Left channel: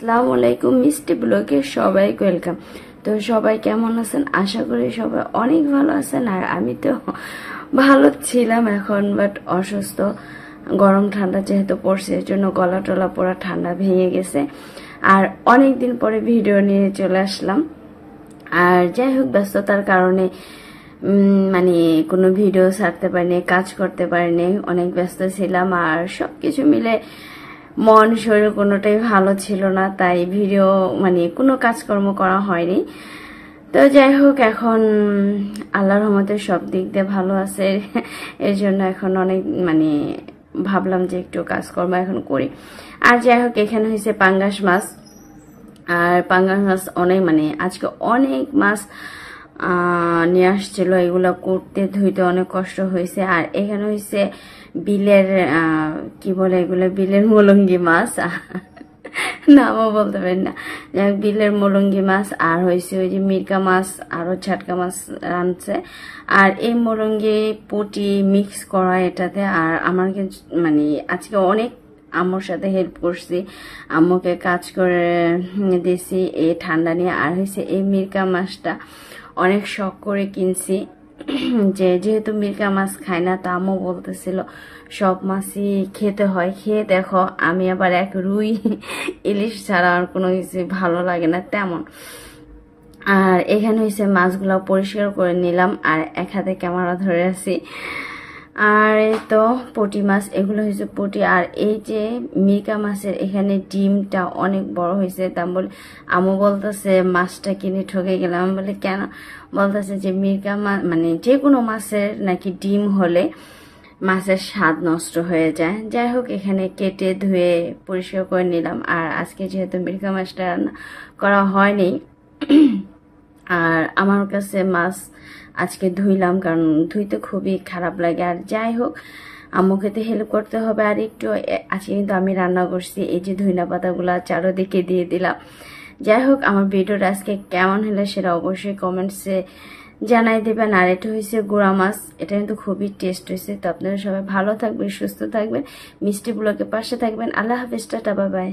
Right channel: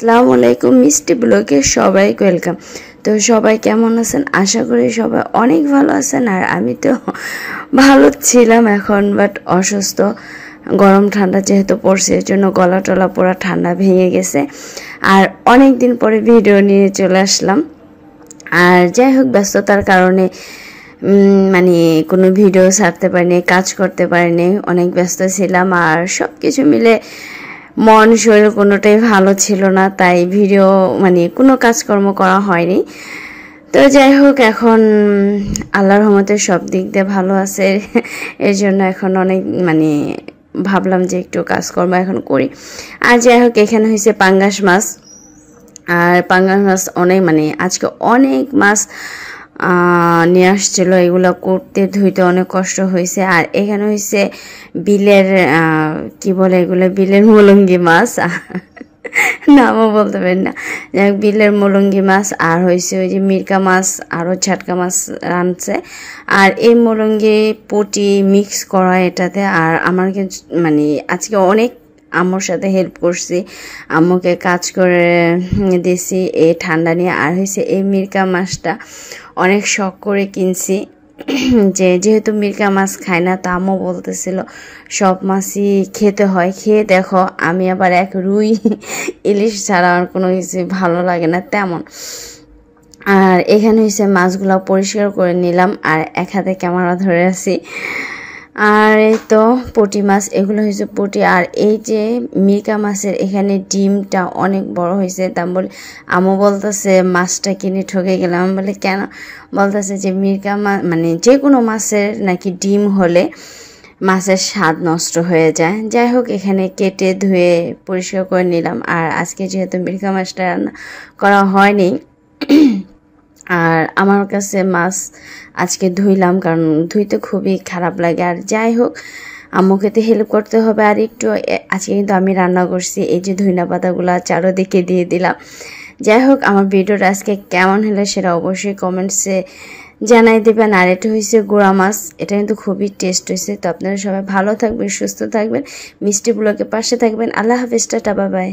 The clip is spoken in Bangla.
আসসালামু আলাইকুম, মিষ্টি ব্লগে সবাইকে ওয়েলকাম। তো সবাই কেমন আছেন? আশা করি সবাই অনেক ভালো আছেন। আর আমি তো ভালো ছিলাম এখন, বাট অসুস্থ। গরম ঠান্ডা যেহেতু পড়ছে, এর জন্য গলা টলা পুরো ঠান্ডা ভেঙে গেছে। আর অনেক দিন পরে ভিডিও নিয়ে চলে আসলাম। আর যাই হোক, ব্যস্ততার কারণে মানে কোনো ভিডিও ছাড়তে পারিনি, কাজ করতে পারিনি, অনেক ব্যস্ত ছিলাম। আর সব কিছু মিলে মন শরীর কোনোটাই ভালো ছিল না, তাই ভিডিও কোনো কাজকর্ম করা হয়নি। তো যাই হোক, এখন আল্লাহর রহমতে সব দিক দিয়ে ভালো আছে। এর জন্য এখন অনেক ভাবলাম যে একটু কাজকর্ম এখন করি। আর যাই হোক, এখানে হয়েছে পাঙ্গাস মাছ। আর পাঙ্গাস মাছ অনেক আজকে অনেক মাছ নিয়ে আসছিল। এগুলো করতে ধুইতে অনেক কষ্ট হয়েছে। আর এখানে হয়েছে বিলের কি বলে এগুলো, বিলের মলঙ্গি মাছ, নামও বলতে পারি না। যাই বিলের মলঙ্গি মাছ। আর হয়েছে ওই যে মিরকা মাছ, আরও ছাটকা মাছ রাঁধছে। আর এই মলঙ্গি পুটি মিক্স করা এটাতে। আর আমার আজকে অনেক আম্মুর সাথে হেল্প করছি, আম্মুকে কাজ করে দিয়েছি এই ঠান্ডা নিয়ে। আর হয়েছে এই মিরকা মাছটা অনেক শখ করে কিনছি, যেহেতু মিরকা মাছ খাই না, তো আম্মু বলতেছিল সব মাছই খেতে হয়। খেয়ে দেখো, আমি আবার এক রুই ইলিশ ছাড়া আমার কোনো কিছু ভালো লাগে না তেমন। আর এখানে হয়েছে মাছগুলো পরিষ্কার করে নিলাম, আর এক হাতে ক্যামেরা ধরে আছি। আর এই তো পুঁটি মাছ, এগুলো হয়েছে পুঁটি। আর এই যে মিরকা মাছের এখানে ডিমটা অনেক বড় হয়েছে। তা বলে আম্মু বলতেছে মাছটা কিনে ঠকে গেলাম। আমি বলে কেন? বলতেছে যে মিরকা মাছ যে কোনো মাছের নাকি ডিম হলে মাছের স্বাদ নষ্ট হয়ে যায়। যাই হোক, এখানে কেটে ধুয়ে পরিষ্কার করে নিলাম। আর আজকে যেহেতু মিরকা মাছটা রান্না করা হয়নি, আর আমার কাছে মাছ আজকে ধুইলাম, কারণ ধুইতে খুবই খারাপ লাগে। আর যাই হোক, আম্মুকে তো হেল্প করতে হবে। আর একটু আজকে কিন্তু আমি রান্না করছি, এই যে ধইনা পাতাগুলো চারোদিকে দিয়ে দিলাম। যাই হোক, আমার ভিডিওটা আজকে কেমন হলো সেটা অবশ্যই কমেন্টসে জানাই দেবেন। আর এটা হয়েছে গুঁড়া মাছ, এটা কিন্তু খুবই টেস্ট হয়েছে। তো আপনারা সবাই ভালো থাকবেন, সুস্থ থাকবেন, মিষ্টি ব্লগের পাশে থাকবেন। আল্লাহ হাফেজ, টাটা, বাই বাই।